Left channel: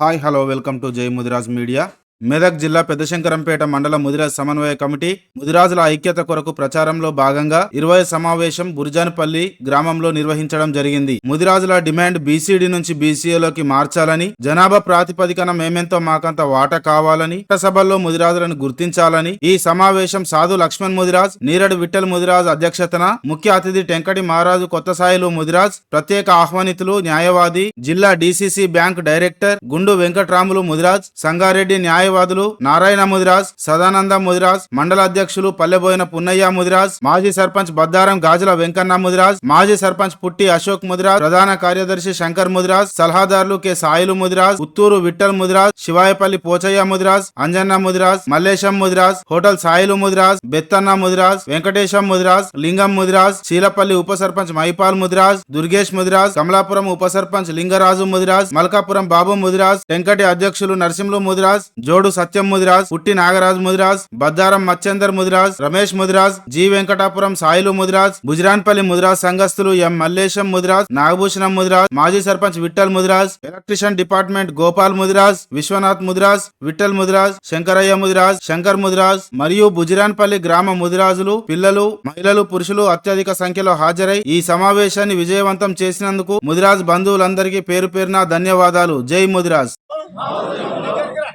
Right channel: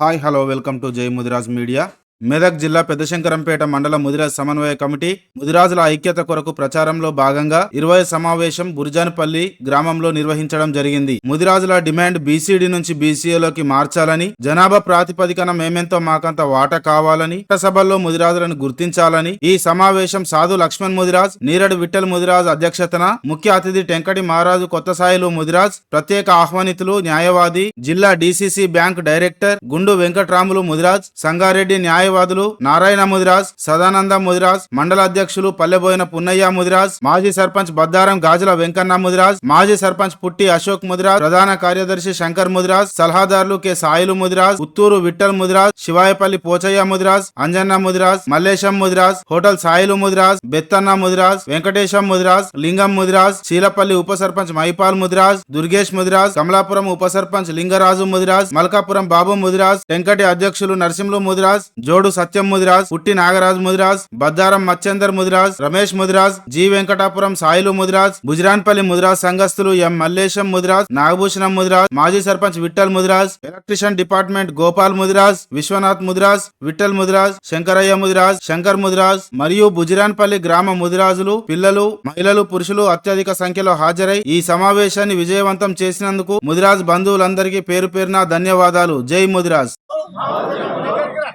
Hi hello welcome to జై Mudiraj media Medak జిల్లా పెద్దశంకరంపేట మండల ముదిరాజ్ సమన్వయ కమిటీ ముదిరాజుల ఐక్యత కొరకు ప్రచారంలో భాగంగా ఇరవై సమావేశం బుర్జాన్పల్లి గ్రామంలో నిర్వహించడం జరిగింది. ముదిరాజుల డిమాండ్ బీసీడీ నుంచి బీసీఏలోకి మార్చాలని జనాభా ప్రాతిపదికన మేమెంతో మాకంత వాటా కావాలని సభల్లో ముదిరాజులను గుర్తించాలని ఈ సమావేశం సాధు లక్ష్మణ్ ముదిరాజ్ నీరడు విఠల్ ముదిరాజ్ అధ్యక్షతన ముఖ్య అతిథి టెంకటి మహారాజు కొత్త సాయిలు ముదిరాజ్ ప్రత్యేక ఆహ్వానితులు న్యాయవాది జిల్లా డీసీసీ బ్యాంక్ డైరెక్టర్ గుండు వెంకట్రాములు ముదిరాజ్ సంగారెడ్డి న్యాయ న్యాయవాదులు నారాయణ ముదిరాజ్ సదానంద ముదిరాజ్ మండల అధ్యక్షులు పల్లెబోయిన పున్నయ్య ముదిరాజ్ మాజీ సర్పంచ్ బద్దారం గాజుల వెంకన్న ముదిరాజ్ మాజీ సర్పంచ్ పుట్టి అశోక్ ముదిరాజ్ ప్రధాన కార్యదర్శి శంకర్ ముదిరాజ్ సలహాదారులు కె సాయిలు ముదిరాజ్ ఉత్తూరు విఠల్ ముదిరాజ్ శివాయపల్లి పోచయ్య ముదిరాజ్ అంజన్న ముదిరాజ్ మల్లేశం ముదిరాజ్ హోటల్ సాయిలు ముదిరాజ్ బెత్తన్న ముదిరాజ్ వెంకటేశం ముదిరాజ్ లింగం ముదిరాజ్ చీలపల్లి ఉప సర్పంచ్ మైపాల్ ముదిరాజ్ దుర్గేష్ ముదిరాజ్ కమలాపురం ఉప సర్పంచ్ లింగరాజు ముదిరాజ్ మల్కాపురం బాబు ముదిరాజ్ వెంకటి అధ్యక్షులు నరసింహులు ముదిరాజ్ జోడు సత్యం ముదిరాజ్ పుట్టి నాగరాజ్ ముదిరాజ్ బద్దారం మచ్చేందర్ ముదిరాజ్ రమేష్ ముదిరాజ్ జి వెంకటాపురం సాయిలు ముదిరాజ్ గుజరాన్పల్లి ముదిరాజ్ సంఘస్థులు ఎం మల్లేశం ముదిరాజ్ నాగభూషణం ముదిరాజ్ మాజీ సర్పంచ్ విఠల్ ముదిరాజ్ ఎలక్ట్రిషియన్ డిపార్ట్మెంట్ గోపాల్ ముదిరాజ్ విశ్వనాథ్ ముదిరాజ్ విఠల్ ముదిరాజ్ శంకరయ్య ముదిరాజ్ శంకర్ ముదిరాజ్ మరియు బుజిరాన్పల్లి గ్రామ ముదిరాజులు పిల్లలు మహిళలు పురుషులు అత్యధిక సంఖ్యలో హాజరై ఈ సమావేశాన్ని విజయవంతం చేసినందుకు ముదిరాజ్ బంధువులందరికీ పేరు పేరున ధన్యవాదాలు. జై ముదిరాజ్.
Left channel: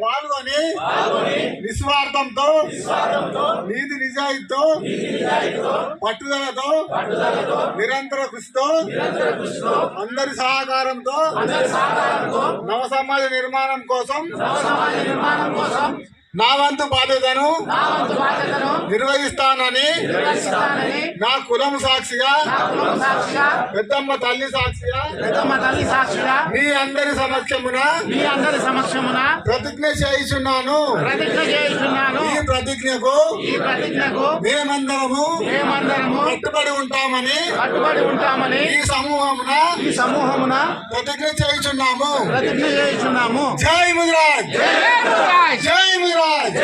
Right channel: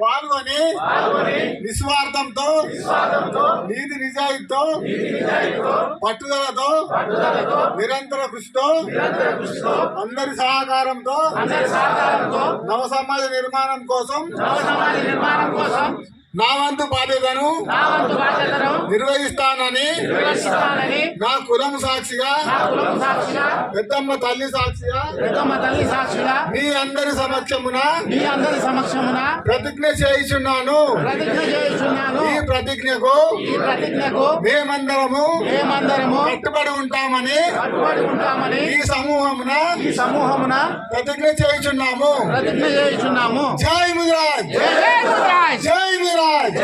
పాల్గొని నిస్వార్థంతో నీతి నిజాయితీతో పట్టుదలతో నిరంతర కృషితో అందరి సహకారంతో నవ సమాజ నిర్మాణం కోసం నా వంతు బాధ్యతను నిర్వహిస్తానని నా కులం సాక్షిగా పెద్దమ్మ తల్లి సాక్షిగా పెద్దమ్మ తల్లి సాక్షిగా మీ అందరి సమక్షమున మీ అందరి సమక్షమున ప్రతిజ్ఞ చేయిచున్నాను. ప్రతిజ్ఞ చేస్తున్నాను ఈ ప్రతిజ్ఞకు ఈ ప్రతిజ్ఞకు మేమందరము మేమందరము కట్టుబడి ఉంటామని కట్టుబడి ఉంటామని ఈ సమూహమున ఈ సమూహమున ప్రతిజ్ఞ చేయుచున్నాము. ప్రతిజ్ఞ చేస్తున్నాము జై ముదిరాజ్ జై! జై జై మురాజ్!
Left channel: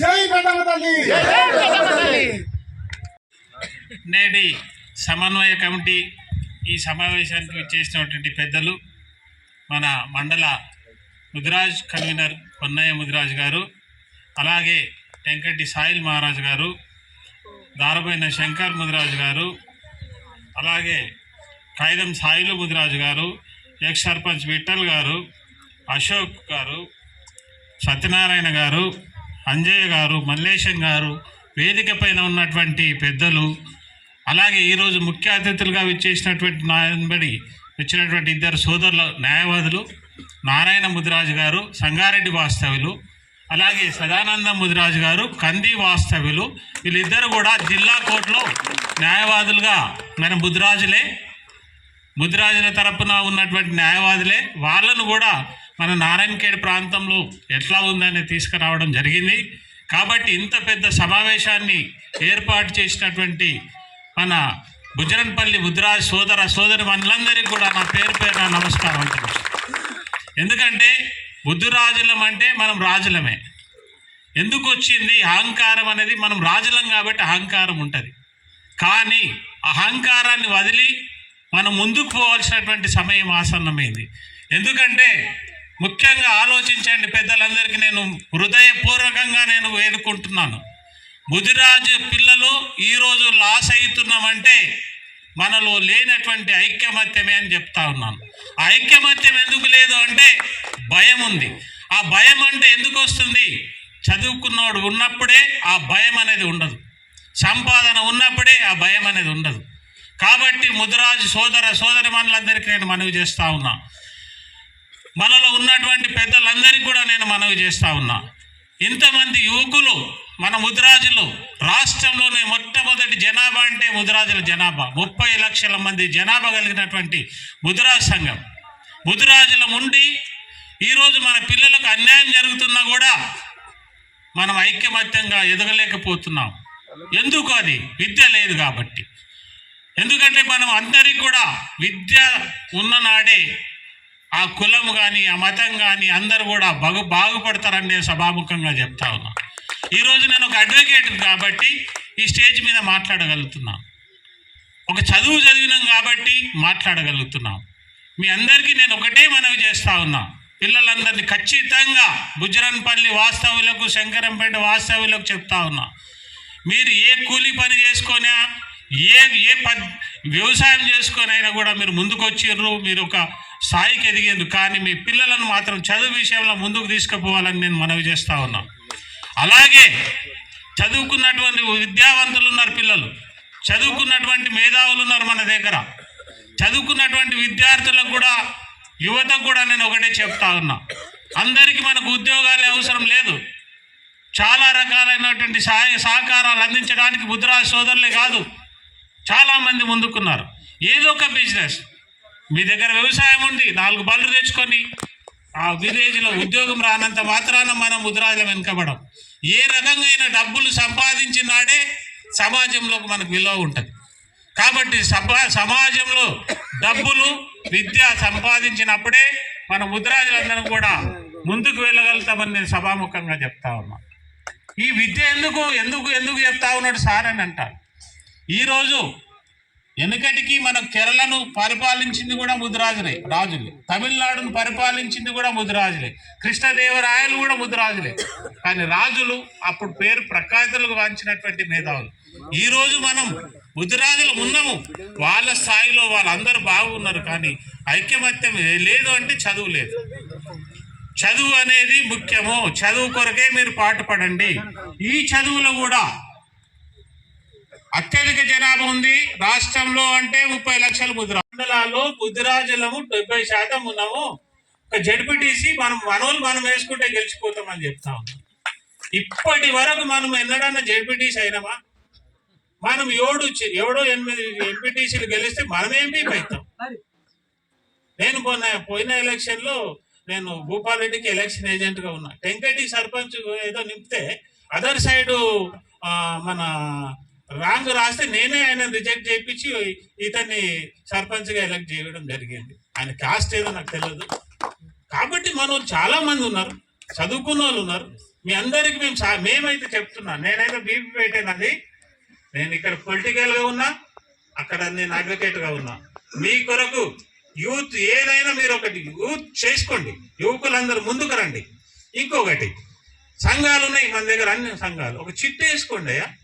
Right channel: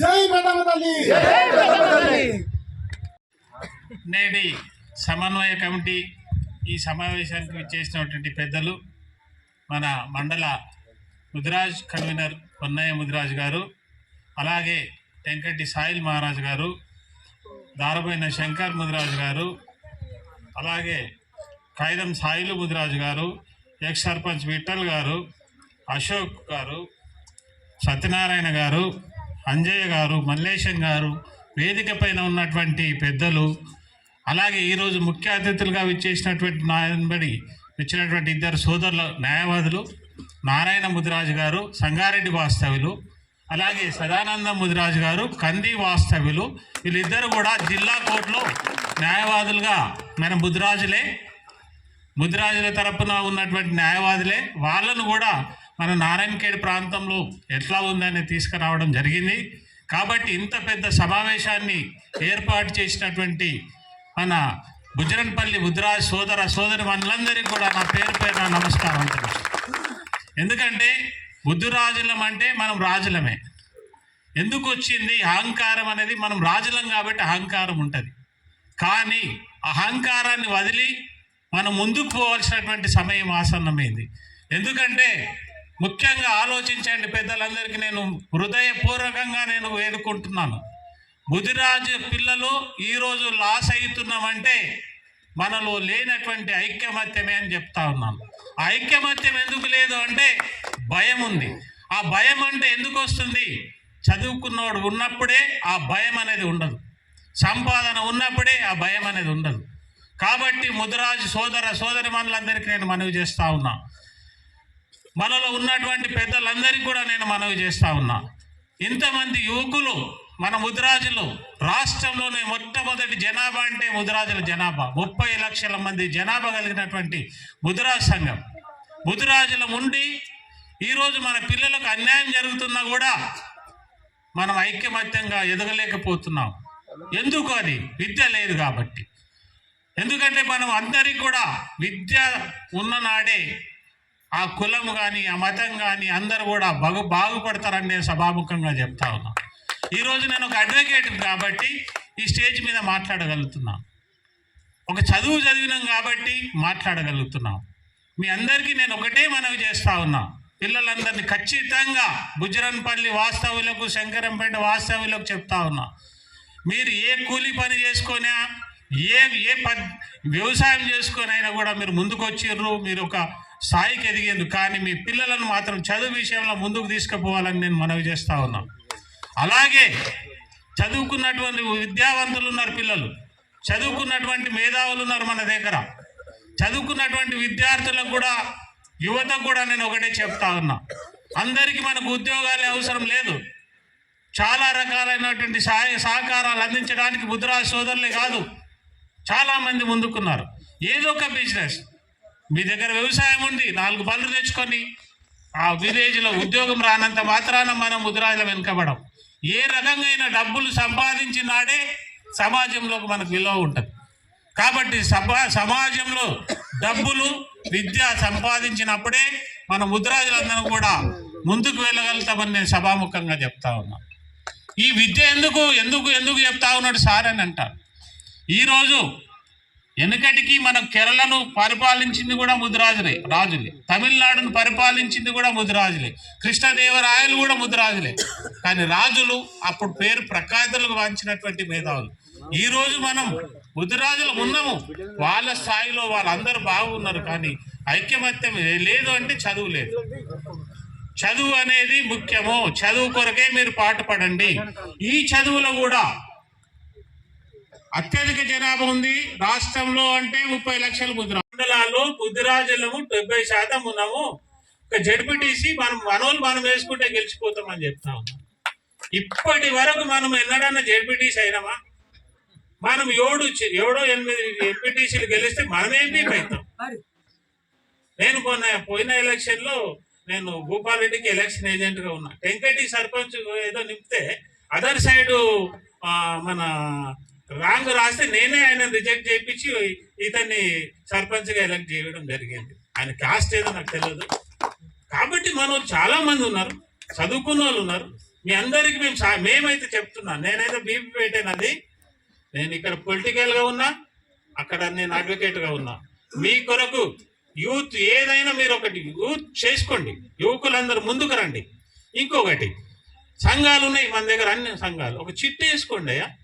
జై పెద్దమ్మ తల్లి. జై పెద్దమ్మ తల్లి! నేటి సమన్వయ కమిటీ ఈ సమావేశానికి చేసినటువంటి పెద్దలు మన మండల ముదిరాజ్ కన్వీనర్ పొన్నయ్య ముదిరాజ్ గారు అలాగే వెంకటి సాయిల్ మహారాజ్ గారు దారబోయిన శంకర్ ముదిరాజ్ గారు అలాగే కాగితం సాయిలు ముదిరాజు గారు ఎక్స్ సర్పంచ్ విఠల్ గారు అశోక్ గారు సత్యనారాయణ గారు అంజయ్య గారు మల్లేశం గారు వేదిక పైన ఉన్నటువంటి పెద్దలు అలాగే ఈరోజు ముఖ్య అతిథులుగా విచ్చేసినటువంటి నాయనబడి వచ్చినటువంటి ఇద్దరు సోదరుల న్యాయవాదులు నారాయణ ముదిరాజు గారు సంగారెడ్డి వాస్తవ్యులు అలాగే సదానంద ముదిరాజు గారు కంది వాస్తవ్యులు వీళ్ళిద్దరు కూడా జిల్లా కోర్టులో న్యాయవాదులుగా మన ముదిరాజులే ముదిరాజుల తరపున ఉన్నటువంటి న్యాయవాదులే వాళ్ళను కూడా మన నారాయణఖేడ్ ప్రాంతంలో ఎట్లా ఉందని తీసుకురావడం జరిగింది. కాబట్టి ఇంత పెద్ద సమావేశాన్ని ఏర్పాటు చేసినటువంటి మన గుజరన్పల్లి ముదిరాజ్ సోదర సోదరి మనులందరికీ కూడా నా పేరు పేరున నమస్కారం ఎందుకంటే బుద్ధురాజులం అంటే మనం రాజులమే. ఎందుకు వచ్చింది? అహంకారం అనేది మనం రాజులం కాబట్టి అహంకారం ఉంటుంది. కానీ అహంకారాన్ని వదిలి మనం ముందుకు పోవాల్సినటువంటి సమయం ఆసన్నమైంది. ఎందుకంటే ముఖ్యంగా ఆలోచించండి పెద్దలందరికీ నేను హృదయపూర్వకంగా నేను వేడుకుంటున్నాను. ముదిరాజు పిల్లలు ఈరోజు లాస్ అవుతున్నామంటే మనలో లేనటువంటి ఐక్యమత్యమే అని చెప్తా ఉన్నాను. ఆ ఐక్యమత్యం ఎందుకు లేదు అంటే భయం ఉంది. ఆ భయం అంటే ఎందుకు వస్తుంది? చదువుకున్నవాడు ఉన్నప్పుడే ఆ భయం అనేది ఉండదు. సంపాదన ఉన్నప్పుడే ఆ భయం అనేది ఉండదు. కాబట్టి ముదిరాజు సోదర సోదరి మనులందరికీ నేను మనవి చేస్తా ఉన్నా. మనలో ఉన్నటువంటి పెద్దలందరికీ కూడా నేను మనవి చేస్తా ఉన్నా. ఇంతమంది యువకులు మన ముదిరాజులు రాష్ట్రంలోనే మొట్టమొదటి జనాభా అంటే ముదిరాజుల జనాభా. ముప్పై లక్షల మంది జనాభా కలిగినటువంటి ముదిరాజు సంఘం. ముదిరాజుల ఉండి ఈరోజు మన పిల్లలకు అన్యాయం జరుగుతున్నా కూడా మనం ఐక్యమత్యంగా ఎదగలేకపోతున్నాం. ఎందుకు అది? విద్య లేదు కాబట్టి. ఎందుకంటే మనం అందరికీ కూడా విద్య ఉన్ననాడే ఆ కులం కానీ ఆ మతం కానీ అందరు కూడా బాగు బాగుపడతారని నేను సభాముఖంగా చెప్తా ఉన్నా. ఈరోజు నేను ఒక అడ్వకేట్ కాబట్టి ఈ స్టేజ్ మీద మాట్లాడగలుగుతున్నాను ఒక చదువు చదివినాం కాబట్టి మాట్లాడగలుగుతున్నాం. మీ అందరికీ నేను ఒకటే మనవి చేస్తా ఉన్నా. పిల్లలందరినీ ఖచ్చితంగా గుజరన్పల్లి వాస్తవులకు శంకరంపేట వాస్తవులకు చెప్తా ఉన్నా. మీరు ఏ కూలి పని చేసుకున్నా ఏ ఏ పద్ వ్యవసాయం చేసుకొని అయినా కూడా మీరు ముందుకొచ్చిర్రు. మీరు ఒక స్థాయికి ఎదిగిండ్రు కానీ మీ పిల్లలను మాత్రం చదువు విషయంలో ముందుకు తీసుకుపోవాలని నేను మనవి చేస్తా ఉన్నా. అలాగే చదువుకున్నటువంటి విద్యావంతులు ఉన్నారు పిల్లలు. చదువుకున్నటువంటి మేధావులు ఉన్నారు మన దగ్గర. చదువుకున్నటువంటి విద్యార్థులకు కూడా యువతకు కూడా నేను ఒకటే చెప్తా ఉన్నా. అందరికీ మనకు ఉద్యోగాలే అవసరం లేదు. చాలా రకాలైనటువంటి సహాయ సహకారాలు అందించడానికి ముద్రా సోదరులే కాదు. చాలామంది ముందుకున్నారు. ఏదో ఒక బిజినెస్. మీ దగ్గర వ్యవసాయం ఉంది నాలుగు పళ్ళు తెచ్చుకొని ఆ విలేజ్లో ఉద్యోగం రానంత మాత్రాన మనం ముద్రాజుల వెనుకబడం. ఏ రకంగా డబ్బులు సంపాదించినాడే సమాజంలోకి మనకు విలువ ఉంటుంది. కాబట్టి సమాజంలో డబ్బులు విద్య సంపాదించినప్పుడే మన ముద్రాజులందరం కూడా ముందుకు వెళ్ళగలుగుతామని నేను సభాముఖంగా చెప్తా ఉన్నా. ఈ విద్య ఎందుకు ఎందుకు ఎందుకు చెప్తా ఉన్నాడు సార్ అని అంటారు. ఈరోజు వెనుకటికి మనం కేరళను పరిపాలించింది కూడా ముదిరాజులే రాజులే. తమిళనాడును పరిపాలించింది కూడా ముదిరాజులే. కృష్ణదేవరాయలు కూడా ముదిరాజులే. కానీ రాజులు అప్పుడు పేరు ప్రఖ్యాతులకు వాంచినటువంటి మేధావులు. ఈ రోజు మనం ముదిరాజులు ఉన్నాము వాళ్ళ స్థాయిలో వాళ్ళందరూ బాగున్నారు కానీ ఐక్యమత్యం లేదు అంటే చదువు లేదు. చదువు అనేది ముఖ్యము. చదువు కొరకే మీరు పాటుపడండి. ఈ చదువులో కూడా అత్యధిక జనాభా ఉంది. రాష్ట్రంలో అంటే ముప్పై లక్షల ముద్ర. మండలాల్లో ముద్రాజలము డెబ్బై శాతం ఉన్నాము. ఒక జడ్పీటీసీ మనం మనోళ్ళు మనం వేసుకుంటే గెలిచిపోతామని చెప్తా ఉన్నాం. ఇప్పటి వరకు మనం ఎన్నడన్నా జడ్పీటీసీ అయినామా? మనం ఏడు ఏడో ఎనిమిది ఎంపీటీసీలు గెలిస్తే మనం అవుతాం. నేను పోయిన పోయిన ఎలక్షన్లో నేను భూపాలరెడ్డికి ఎలక్షన్ ఏజెంట్గా ఉన్నా. వెంకటి సర్పంచ్ ఏదో నింపితే అదర్ సైడ్ మన రాంగ్ రాస్తే నేనే ఆయన రిజెక్ట్ చేయించి ఇతన్ని సర్పంచ్గా ఎలక్ట్ చేయడం జరిగింది. ఆయన కాస్ట్ ఏదో నాకు తెలియదు కాబట్టి మనం చాలా మంది ఉన్నారు చదువుకున్న వాళ్ళు ఉన్నారు. మీ అందరికి మేము మేమైతే చెప్తున్నాను నేనైతే బీపీ పెట్టానండి నేను ఇక్కడ పొలిటికల్గా ఉన్నా అక్కడ నేను అడ్వకేట్గా ఉన్నా. మీ కొరకు యూత్ ఏదైనా మీరు ఒకటి యూత్ చేసుకోండి. యువకులందరూ ముందుకు రండి. ఇంకొకటి సంఘాలు ఉన్నాయి మన దగ్గర అన్ని సంఘాలు. ఒక చిట్టు వేసుకోండి అయ్యా.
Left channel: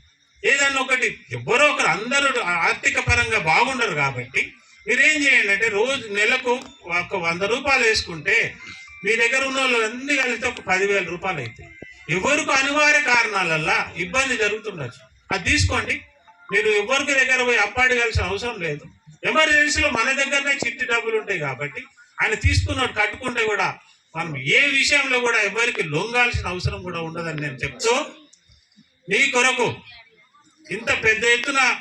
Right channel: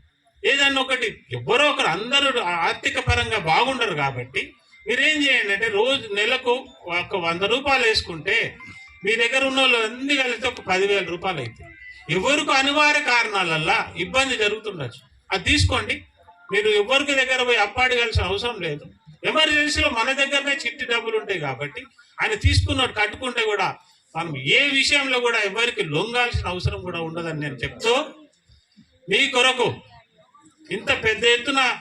ఏదన్నా ఒకటి ఎవరో ఒకరు అందరూ ఆర్థిక పరంగా బాగుండరు కాబట్టి మీరేం చేయండి అంటే రోజు నెలకు ఒక వంద రూపాయలు వేసుకుంటే మీ దగ్గర ఉన్న వాళ్ళు అన్ని కలిస్తే ఒక పదివేల రూపాయలు అవుతాయి. ఎవరికి అనివార్య కారణాలల్ల ఇబ్బంది జరుగుతుండొచ్చు. అది తీసుకోండి. మీరు ఎవరికి దగ్గర పోయి అప్పాడగాల్సిన అవసరం లేదు. ఎమర్జెన్సీలో మన దగ్గరనే చిట్టి డబ్బులు ఉంటాయి కాబట్టి ఆయన తీసుకున్నట్టు కట్టుకుంటే కూడా మనం ఏ విషయంలో కూడా ఎవరికి లొంగాల్సిన అవసరం కూడా ఉండదని నేను చెప్తూ మీ కొరకు ఇంత పెద్ద ఎత్తున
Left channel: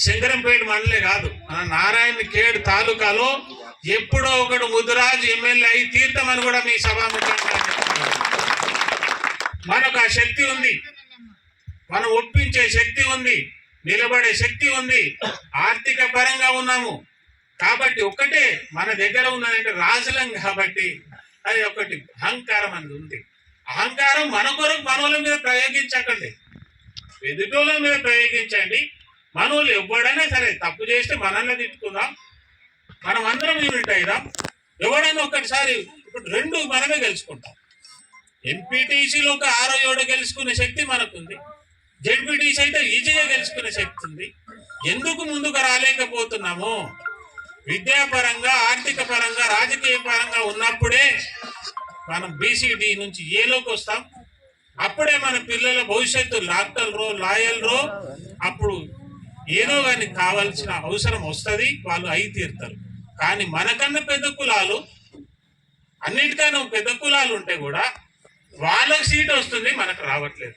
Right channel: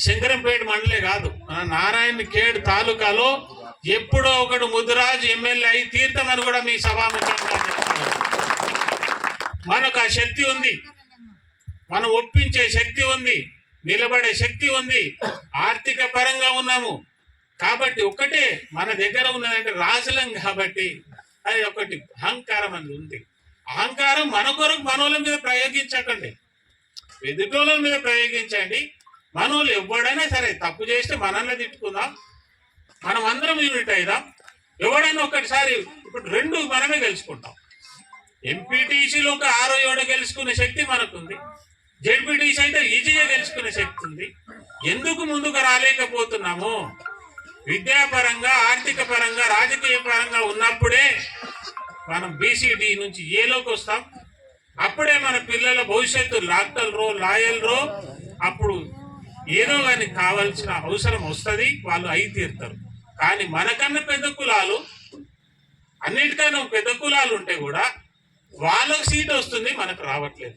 శంకరంపేట మండలే కాదు. మన నారాయణ ఖేడ్ తాలూకాలో ఎప్పుడో ఒకడు ముదిరాజ్ ఎమ్మెల్యే అయి తీర్థమని కూడా మీ సభాముఖంగా మనకు ఆ శక్తి ఉంది. మనం ఒప్పించే శక్తి ఉంది. నిలబడే శక్తి ఉంది. ఆర్థిక పరంగా ఉన్నాము. కాబట్టి ఒకటే మన దగ్గర ఉన్నదంటే రాజులం కాబట్టి అది ఒకటి అహంకారం అనేది ఉంది. అహంకారం మన కొరకు మనోళ్ళ మీద ప్రయోగించకండి. ఎదుటోళ్ళ మీద ప్రయోగించండి. మనోళ్ళు ఎవడైనా సరే తప్పు చేస్తే మనల్ని తిట్టుకుందాం. మనం అందరం యూనిట్ అయిదాం. ఎవడైనా ఒక్కటిసారి ఇప్పుడు రెండు మనమే గెలుచుకుంటాం. ఎంపీటీసీలో ఒక ఆరో ఏడో గెలుచుకునే శక్తి మనకుంది. జెడ్పీటీసీ అయితే ఈజీగా గెలుచుకునే శక్తి ఉంది. ఎందుకు ముందుకు రాలేకపోతున్నాము? విద్యాపరంగా ఆర్థిక పరంగా రాజకీయ పరంగా ఉన్నప్పుడే మనం బీసీడీ నుంచి e ఏలోకి వస్తాం. అప్పుడే మన పిల్లల భవిష్యత్తు డాక్టర్రో లాయర్రో అప్పుడు ఏదో కానీ కావాల్సిన అవసరం వస్తుంది వాళ్ళు అయి తీరుతారు. కానీ మనకన్నా పెద్ద కులాలు అన్నిటికన్నా పెద్ద కులాలు ఉంటే కూడా వాళ్ళకి సీట్ వస్తుంది మనకు రావట్లేదు.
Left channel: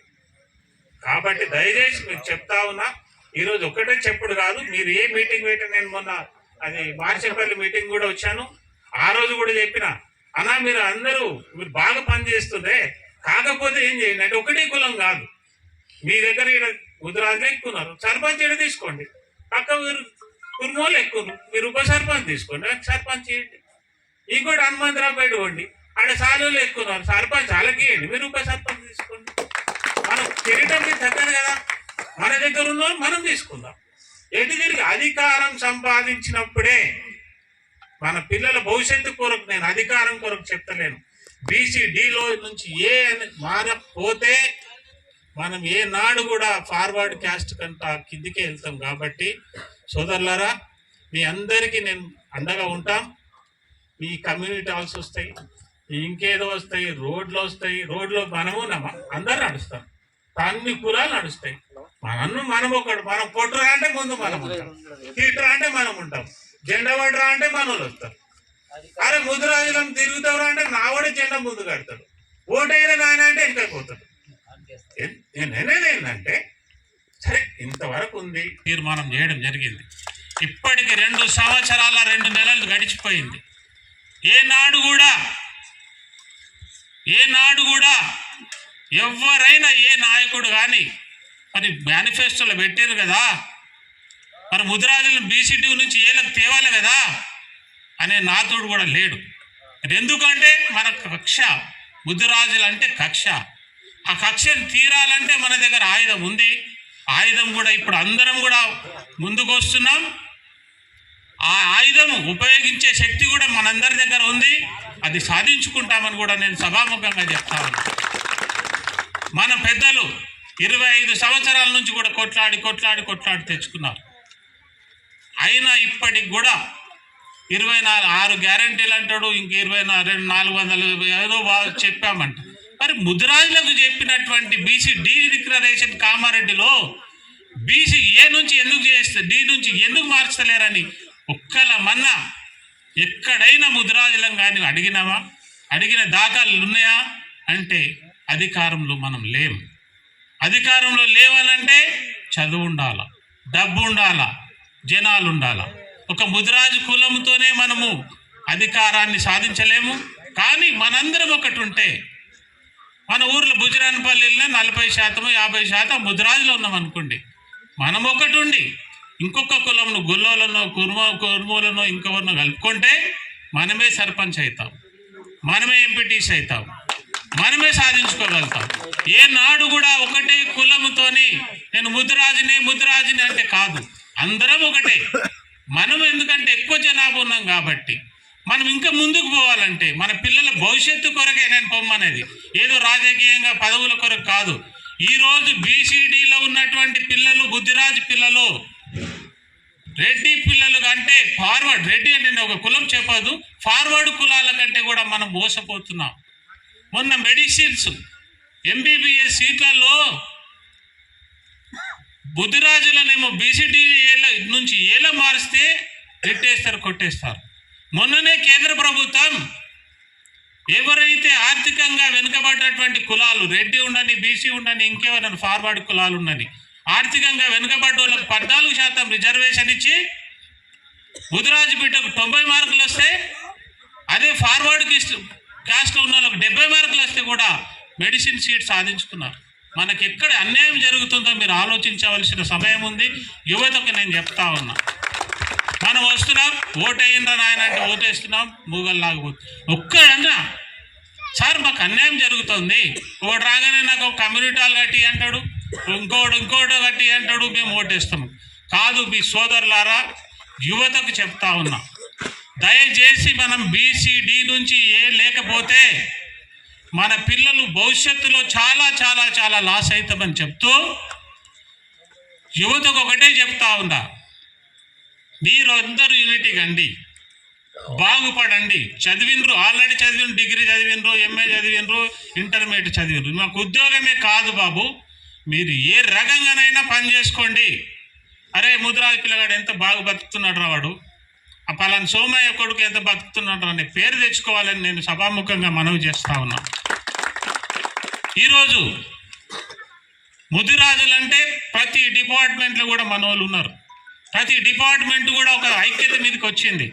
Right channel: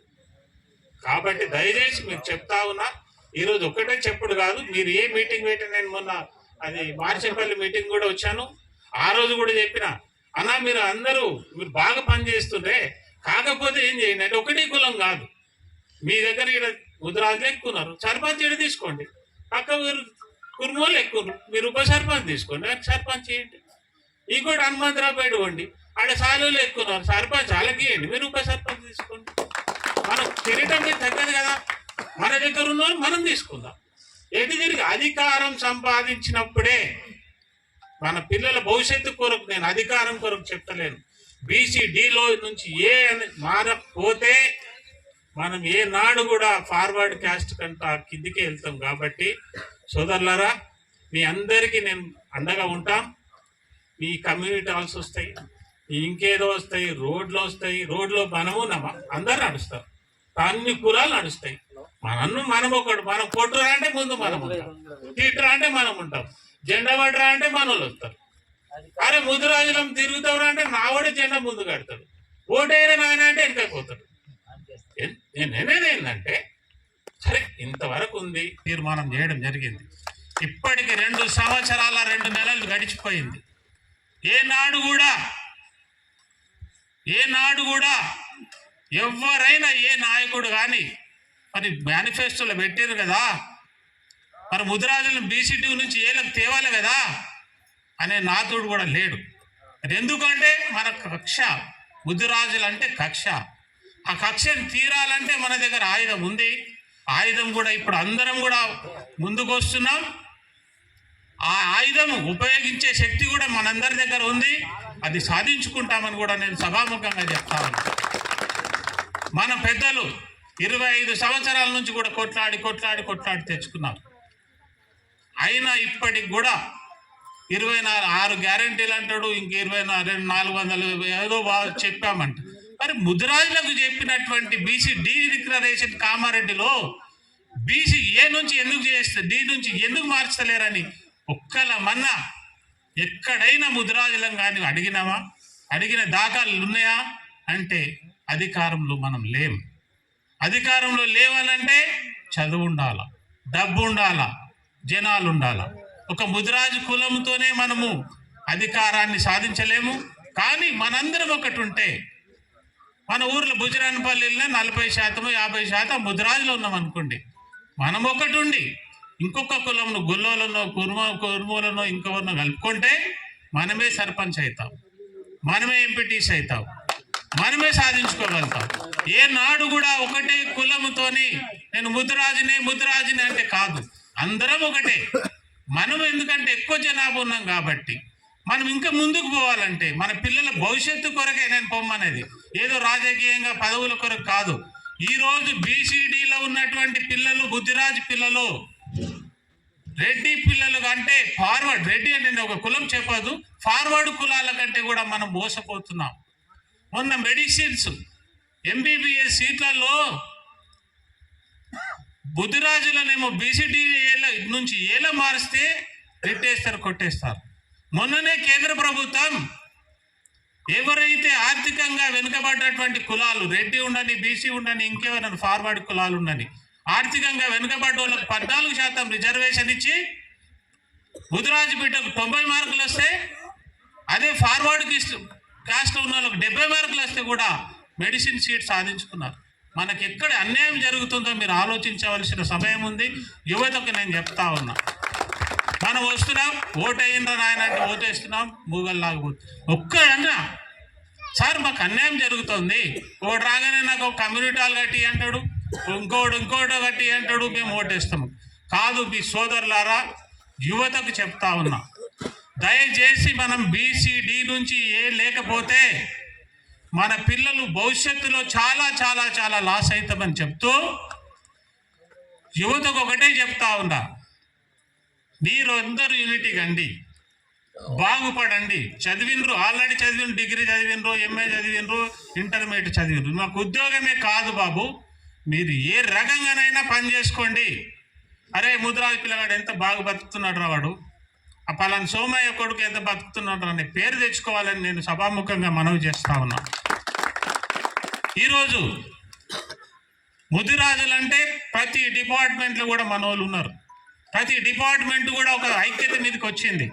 కాబట్టి దయచేసి మీకు చెప్తా ఉన్నా ఈరోజు ఒకటే చెప్పుడు కాదు మీరు ఏ మీటింగ్ పెట్టిన నేను మొన్న అది మార్చేపల్లి మీటింగ్ కూడా వచ్చాను. ఆ రోజు కూడా చెప్పిన అన్నా మీరు అందరూ మీరు బాగా పనిచేస్తుండే కాకపోతే ఏం చేయండి? అంటే ఒకటే కులం కాదు. మీ దగ్గర ఇక్కడ ఉదరాజు ఎక్కున్నారు సర్పంచ్ ఈడ తీసుకోండి. పక్క మీరు కుర్మోలు ఎక్కువ మీరు ఉప సర్పంచ్ తీసుకోండి. సర్పంచ్ చేయండి ఇంకోటి హనుమంతరావుపేట వండి అక్కడ ఆడ ఎక్కున్నారు సర్పంచ్ వాళ్ళకి మీరు ఉప సర్పంచ్ తీసుకోండి. మన కిరీటం తగ్గదు కదా. మన దగ్గర ఉన్న వాళ్ళు మనం తీసుకుందాం. ఎటు తిరిగి అధికారం సంపాదించినప్పుడే మన పిల్లల భవిష్యత్తు కొరకు నేను అధికారం కొరకు చెప్తలేను. బీసీ డిలో నుంచి ఏ అని మారకపోతే మనం ఏ నాడు కూడా ఫార్వర్డ్ క్యాస్ట్ కంట కిందికే వెళ్తాం కాబట్టి సోదరులారా మీ అందరికీ నేను అండగా ఉంటాం. ఈ కమ్యూనిటీ హాల్స్ వస్తాయి ఇంకేదో వస్తాయి రోడ్లు వస్తాయి రోడ్లో మనము అందరు నడుస్తాం. అన్ని కులాలు నడుస్తాయి. మనను మనం ఒకడు మనం కొట్టురా అంటే ముందు మనం ఉంటాం. తిట్టురా అంటే మనం ఉంటాం. జెండా పడరా అంటే మన వస్తారు. అరే ముద్దురాజులం తిరుగుతాడు అంటే నావాడే జెండా ముందు కడతాడు. ఓటైన నాయన అంటే ఇంకా పోతాడు. ఏంటంటే సరే ఇంతవరకు ఉంది. తీర్మానం చేయడం జరిగింది. ఇప్పటికి రెండు సంవత్సరాల రెండు నెలలు గడిచిపోయింది. ఏనాడు కూడా ఏనాడు కూడా ఎవరైనా ఏ నాయకుడు కానీ మరి మేనిఫెస్టోలో పెట్టారు కదా? మరి ముదిరాజులను బీసీటీ నుంచి ఏలకు తేవాలి కదా? అనే నాతుడు కూడా లేడు. ఎందుకంటే మన కక్ష ముదిరాజులు అంటే కక్ష. ఆ కక్షను తీరాలంటే మన దగ్గర ఆయుధం ఉంది. ఆయుధం కూడా ఇప్పుడు అందరం కూడా ముందుకు వస్తున్నాం ఆ ఆయుధం ఉపయోగించే శక్తి కూడా మనందరి దగ్గర ఉంది. అది సాధించుకుంటామని కూడా నేను సభాముఖంగా చెప్తాను మన పెద్దలు ఇరవై ఐదు సంవత్సరాల నుంచి కూడా కొట్లాడి కొట్లాడి కొట్లాడి తెచ్చుకున్నారు. అయినా ఇప్పటికి కూడా ఇరవై నాలుగు ఆరు గ్యారంటీలు అంటాడు ఇంక ఇరవై రెండు నాలుగు వందలు ఏదో చెప్పామంట. మరి ముదిరాజులకు చెప్పినటువంటి బీసీ డి డిక్లరేషన్ కామారెడ్డిలో బీసీ ఏ నుంచి ఎందుకు చేస్తే డి నుంచి ఎందుకు మార్చలేరని ఒక్కల మన్నా ఎక్కడైనా ముదిరాజులం కానీ అడిగినావా? అడిగిన దాఖలు ఉన్నాయా? అంటే అధికారంలో మనం లేం. అధికారంలో లేవాలంటే చదువు ఉండాల డబ్బు ఉండాల జనాలు ఉండాలా. ఒక ముదిరాజు కులంతోనే మనము అధికారాన్ని సాధించలేము. కానీ మనందరం ఒకటి ఉంటే మన ఊర్లో బుజరానిపల్లిలో నలభై శాతం యాభై శాతం ముదిరాజులు ఉన్నాం అనుకోండి. మనం ఒకటి ఉండి ఇంకొక కులంను గుల్లోలనో కుర్మ కుర్మూలనో ఇంకెవరినో కలుపుకుంటే మనమే సర్పంచ్ అవుతాం మనమే ఎంపీటీస్ అవుతాం మనమే సాధించుకోగలుగుతాం. ఏ నాడు కూడా ఒకటే కులముతోని నేను ముద్రాజునే ముద్రాజునే అంటే కాదు. అందరం ఒకటే. మనం ఎందుకంటే ఎక్కువ జనాభా ఉన్నాం కాబట్టి. మనం ఇంకా ముందుకు పోవాలంటే మన పిల్లల భవిష్యత్తు కొరకే నేను పొమ్మనేది. ఏదో రాజకీయంగా పదవుల కొరకు కాదు. ఈ రోజు బీసీడీలో ఉన్నటువంటి పిల్లలు బుద్ధిరాజు పిల్లలు రెడ్డి పిల్లలు కంటే ఫార్వర్డ్ రెడ్డి అంటే నేను ఒక కులం చెప్పదు. ఫార్వర్డ్ కులాల కంటే కూడా మనం మోసపోతున్నాం. మొన్న మెడిసిన్స్ ఎంబీబీఎస్ సీట్లలో బుద్ధిరాజులనేమో బీసీటీ నుంచి ఏలో మారిస్తే పెట్టేస్తారు కొట్టేస్తారు. మొన్ననే కేంద్ర ప్రభుత్వం ఎవరైతే ఆర్థికంగా వెనుకబడ్డటువంటి కులాలు రెడ్డి ఉండని బీసీ ఉండని ఇంకేమైనా ఫార్వర్డ్ కులాలు ఉండని ఆర్థికంగా వెనుకబడ్డ వాళ్ళకి పద్నాలుగు శాతం రిజర్వేషన్ ఇచ్చి బుధరాజు బిడ్డకు తొంభై మార్కులు వస్తే అదే ఫార్వర్డ్ కాస్ట్ ఉన్న వాళ్ళకి డెబ్బై మార్కులు వస్తే కూడా మెడిసిన్ సీట్ సాధించుకున్నారు. మనకి ఎక్కడ అన్యాయం జరుగుతుందో మీరు ఆలోచించవలసిన సమయం ఉంది. యువతకు నేను చెప్తా ఉన్నా. మనం వస్తున్నాం ఓటు అయిందా నాయన అంటే ఓటేస్తున్నాం మూగల్లాగు ఒక్కడన్నా సార్ మాకు అన్యాయం జరుగుతుంది. ఒకటి రాగానే నాకు ఒక కమ్యూనిటీ హాల్ కట్టి అంటాడు. ఇంకోటి ఇంకోటి కట్టి అంటాడు మేము ఓటేస్తాము కాదు మీ సోదరులారా యువతకు చెప్తా ఉన్నా. దయచేసి మనం బీసీడీ నుంచి ఏ లేకపోతే మన పిల్లలు భవిష్యత్తులో చాలా చాలా చాలా లాస్ అవుతామని చెప్తూ యువతకు ఒకటే చెప్తా ఉందా మీరు అందరూ యూనిటీ కండి బాగుపడండి. చదివినరు ఆల్రెడీ చదివిన డిగ్రీ చదివినరు ఎంఏ చదివినరు ఇంటర్మీడియట్ చదివినరు నాకు ఉద్యోగమే కాదు బాబు. మీరు ఏ రకంగానైనా పని చేసుకోండి. అరే ముద్రాది పిల్లగాడు ఎంత బాగా బతుకుతున్నాడు రా వాడు. ఆ పలానా సోమయ్య కొడుకు ఎంత బతుకుతున్నాడు అనే పేరు తెచ్చుకోవాలని నేను సభాముఖంగా మనవి చేస్తా ఉన్నాను ఈరోజు ముదిరాజులు అంటే ప్రతి డిపార్ట్మెంట్లో కూడా మన వాళ్ళు ఉన్నారు. ప్రతి డిపార్ట్మెంట్ కూడా ఒక ఐక్యత మీదకి వచ్చింది.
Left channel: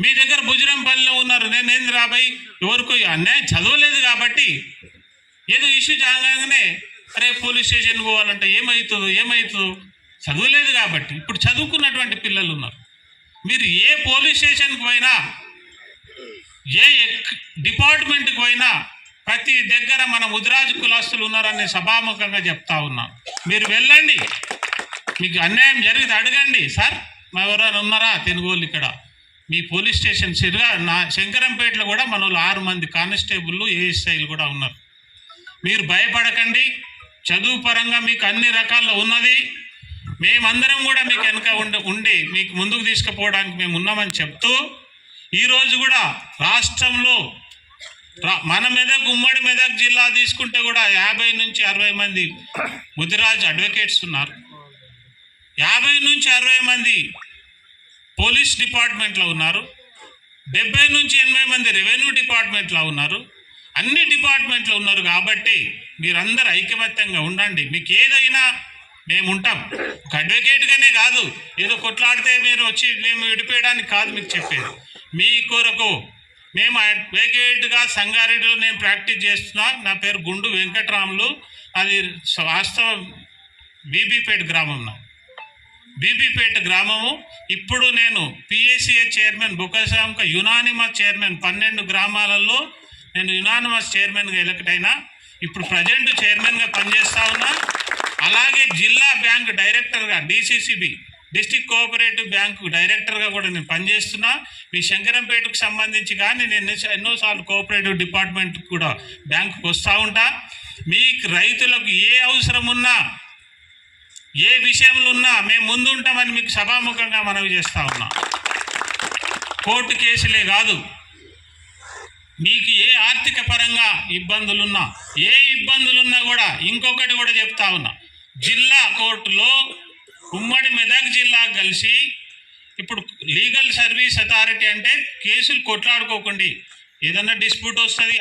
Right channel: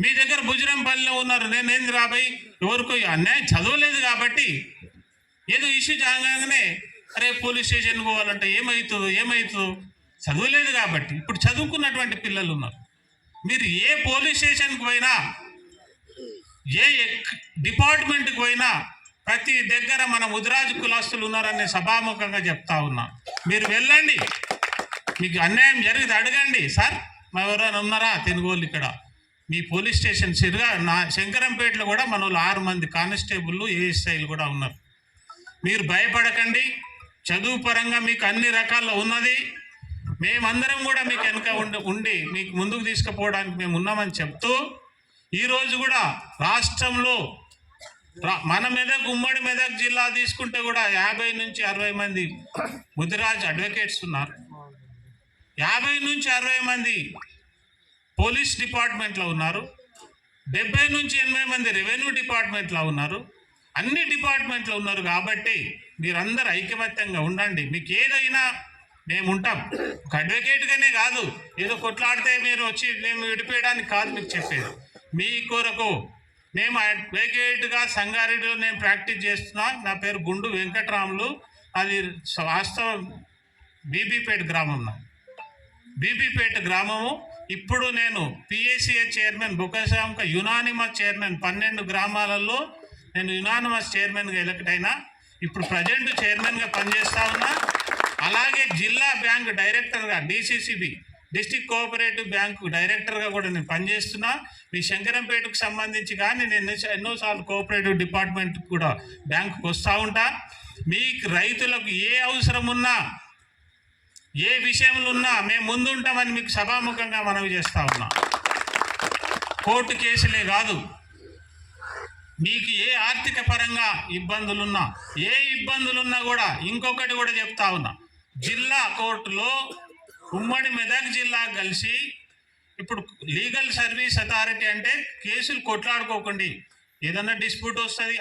మీ దగ్గర బుజరంపల్లిలో ఉన్నారు. నేనేంది రాబాయి ఎవరికో అన్యాయం చదవలేదు కాబట్టి ఏదో ఇష్యూ జాగానే అరే పోలీస్ స్టేషన్ పోవాలంటే ఏమవుతుందో ఏమవుతుందో చదవలేదు కాబట్టి ఇప్పుడు చదువుకున్నటువంటి పిల్లలు ఉన్నారు. మీరు ఏ పోలీస్ స్టేషన్కి పోయినా ఏ ఎక్- డిపార్ట్మెంట్కి పోయినా ప్రతి దగ్గర మన ముదిరాజు కులాస్తులు ఉన్నారని సభాముఖంగా చెప్తా ఉన్నా. మీరు వెళ్ళండి. మీకు అన్యాయం జరిగింది అడగండి. సార్ మా ఎవరైనా ఉన్నారా? తెలుగు ఇక్కడ. మీ పోలీస్ స్టేషన్ సిరిగా నా శంకరంపేటలో కూడా మన వాళ్ళు ఆరు మంది కానిస్టేబుల్లు ఏఎస్ఐలు కూడా ఉన్నారు. మీరు భయపడకండి. చదువు పరంగా మీకు అన్ని రకాల్లో ఉన్నది. మేమందరం కూడా మీకు వెనక ఉండి ఉండి మీకు ముందుకు తీసుకుపోవడానికి మేము ఉన్నామని చెప్తూ ఈరోజు కూడా రాష్ట్రంలో మన మెదక్ ఉమ్మడి మెదక్ జిల్లా తీసుకుంటే కూడా యాభై నుంచి అరవై మంది ముదిరాజ్ అడ్వకేట్స్ ఉన్నారు. యాభై నుంచి అరవై మంది పోలీస్ డిపార్ట్మెంట్లో ఉన్నారు. డెబ్బై నుంచి ఎనభై మంది రెవెన్యూ డిపార్ట్మెంట్లో ఉన్నారు. అన్ని డిపార్ట్మెంట్లో ఉన్నారు కాబట్టి మీరందరూ ఐకమత్యంగా ఉండండి. మీకు ఏదైనా మేము ఉంటాం. ఒక అడ్వకేట్గానే కాదు. ఏదో కొట్లాడితే మీరు వచ్చి మేము విడిపోయడానికి కాదు మీకు చెప్పేది. మీ కొరకు మేము అడ్వకేట్గా సంగారెడ్డిలో నేను ప్రాక్టీస్ చేస్తున్నా. నా పేరు గుండు వెంకట్రాములు. అది వాస్తవం బీబీపేట గ్రామం బీబీపేట గ్రామము. ఇప్పుడు నేను పిఏసిఏ చైర్మన్ బుకసాంక యునానిమస్ చైర్మన్ పన్నెండు గ్రామాలలో నేను యునానిమస్ చైర్మన్గా ఎలక్ట్ అయినా. ఇప్పుడు ప్రజెంట్ చైర్మన్గా పనిచేస్తా ఉన్నా. అలాగే జిల్లా బ్యాంక్ డైరెక్టర్గా డిసిసిబి డిస్టిక్ కోఆపరేటివ్ బ్యాంకు డైరెక్టర్గా కూడా నేను పనిచేస్తున్నా. మీ శంకరంపేటకు సంబంధించి కానీ నేను ఎన్నో- ఎన్నోసార్లు కోఆపరేటివ్ డిపార్ట్మెంట్ కూడా బ్యాంకుకు వస్తూ ఉంటా. మీకు రైతులకు ఏ అవసరం ఉన్నా ఏ విషయంలో ఉన్నా మేము ముందుంటామని మీకు సభాముఖంగా మనవి చేస్తూ ఉన్నా. కోర్టు కేసులే కాదు. మీకు ఏ ఆర్థిక పరంగా ఇబ్బందులున్నా ఏ ఇబ్బందులున్నా కూడా ఇంకొకటి కూడా చెప్తా ఉన్నా. జిల్లా కోర్టులో ఉమ్మడి మెదక్ జిల్లా కలిసి ఇప్పుడు లీగల్ సర్వీస్ అథారిటీ అంటే కేసులు కొట్లాడుకోకండి. ఏదన్నా డిస్ప్యూట్ వస్తుంది